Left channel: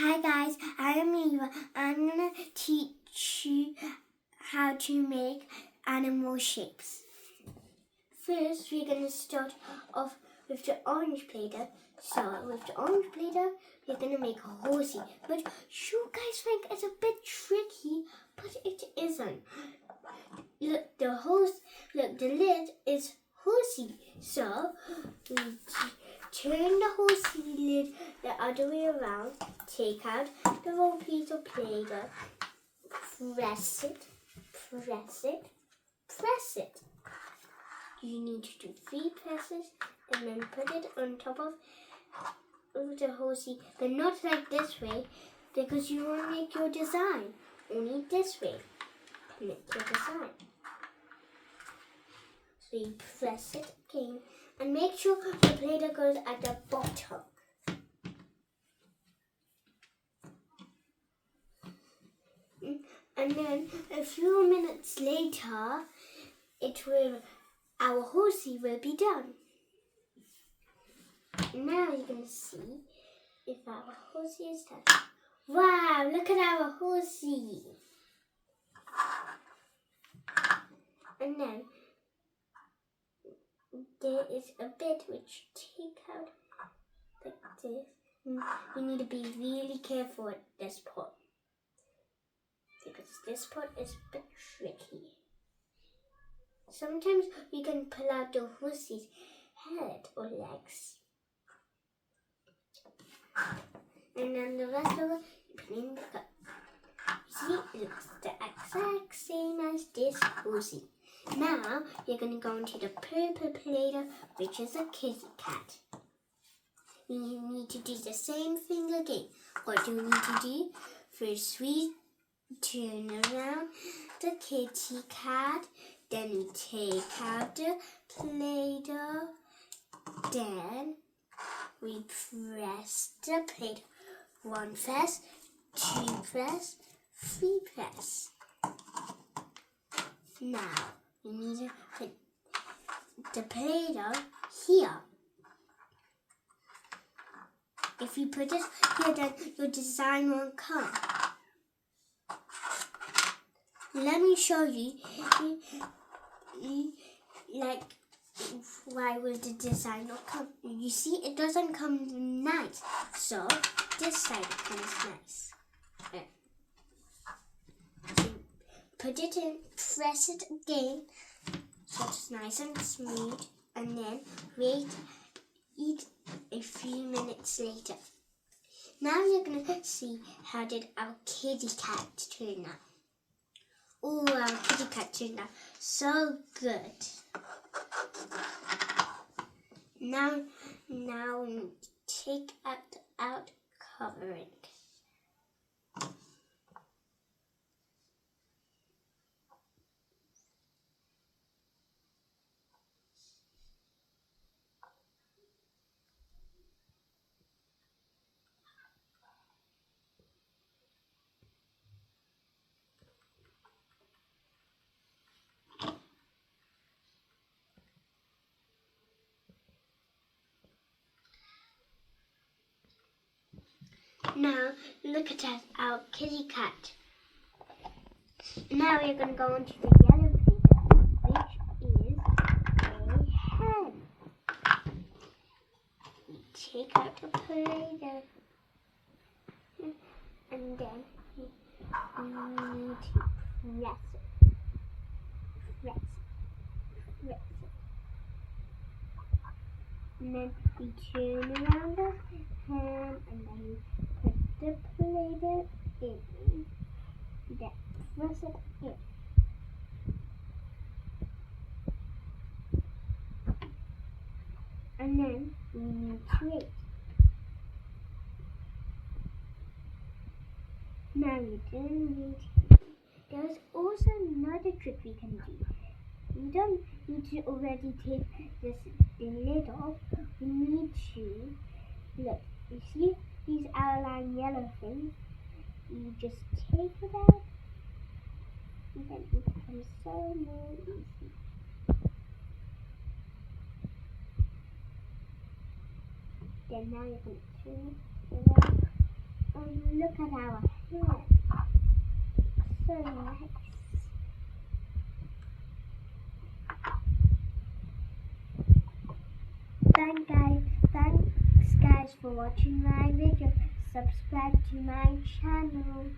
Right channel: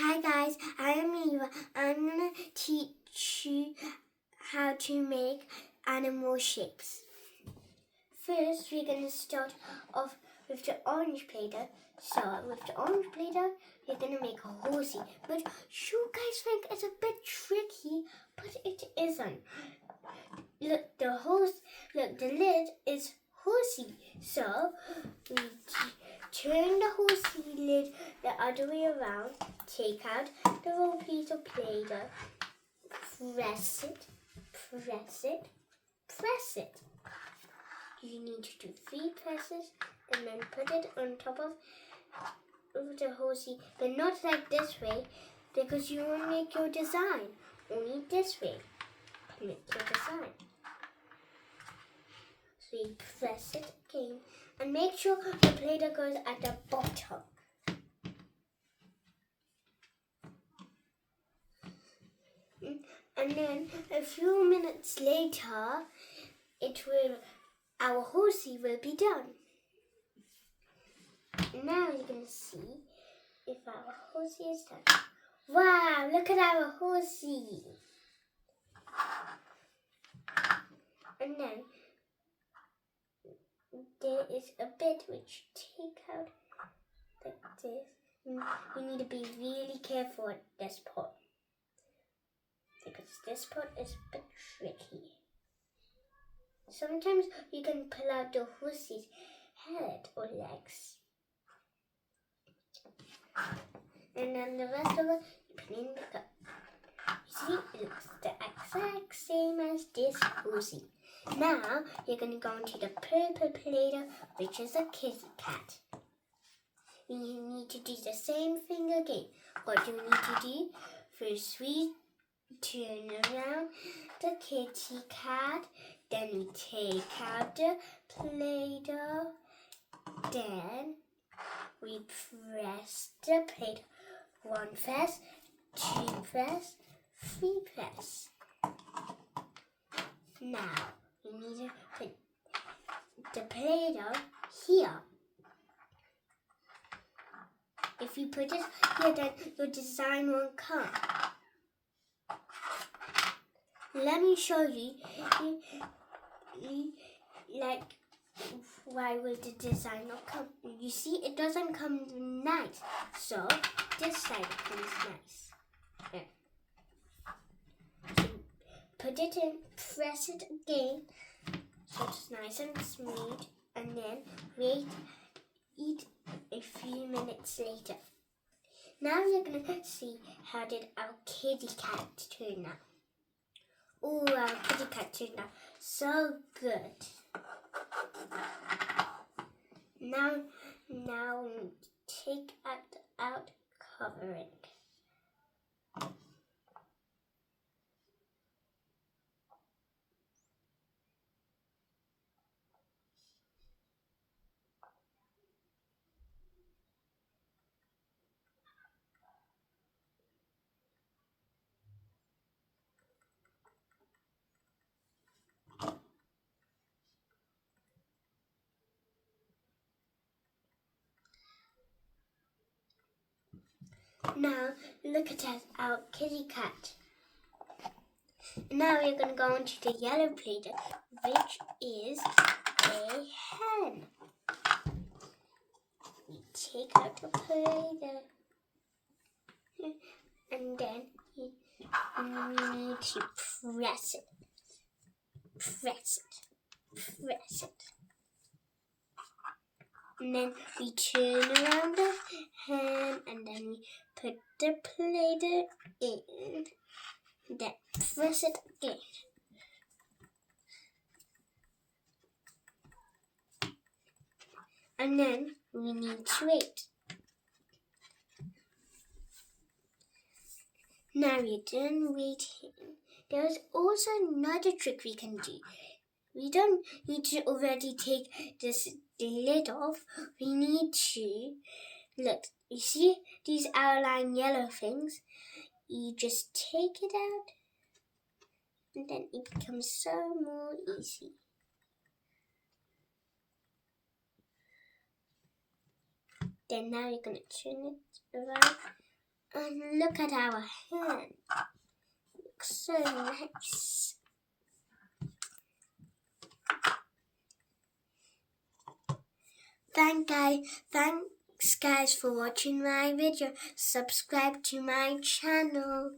Hi guys, I am Niva. I'm gonna teach you how to make animal shapes. First, we're gonna start off with the orange Play-Doh. So with the orange Play-Doh, we're gonna make a horsey. But you guys think it's a bit tricky, but it isn't. Look, the lid is horsey. So we turn the horsey lid the other way around, take out the little piece of Play-Doh, press it, press it, press it. You need to do 3 presses and then put it on top of the horsey, but not like this way because you won't make your design. Only this way to make your design. So you press it again and make sure the Play-Doh goes at the bottom. And then a few minutes later, our horsey will be done. Now you're going to see if our horsey is done. Wow, look at our horsey. And then there is a bit which take out like this. You need to be really careful at this part, because this part is a bit tricky. Sometimes you can pull out the horsey's head or legs. And then the rest of it, you put in the cup. You see, it looks the exact same as this horsey. Now, you're going to go into the purple Play-Doh, which is a kitty cat. You need to do the same thing again. What do you need to do? First, we turn around the kitty cat. Then we take out the Play-Doh. Then we press the Play-Doh. 1 press, 2 press, 3 press. Now, you need to put the Play-Doh here. If you put it here, then your design won't come. Let me show you, like, why will the design not come? You see, it doesn't come nice. So, this side comes nice. There. So, put it in, press it again, so it's nice and smooth, and then wait a few minutes later. Now you're going to see how did our kitty cat turn out. Oh, our kitty cat turned out so good. Now we need to take out covering. Now look at our kitty cat. Now we're going to go into the yellow Play-Doh, which is a hen. We take out the Play-Doh, and then we need to press it, press it, press it. And then we turn around the hen, and then we put the Play-Doh in. Then press it again. And then we need to wait. Now we're done waiting. There's also another trick we can do. We don't need to already take the lid off. We need to, look, you see these outline yellow things? You just take it out, and then it becomes so more easy. Then now you're going to turn it around And look at our hair. Looks so nice. Thanks guys for watching my video. Subscribe to my channel.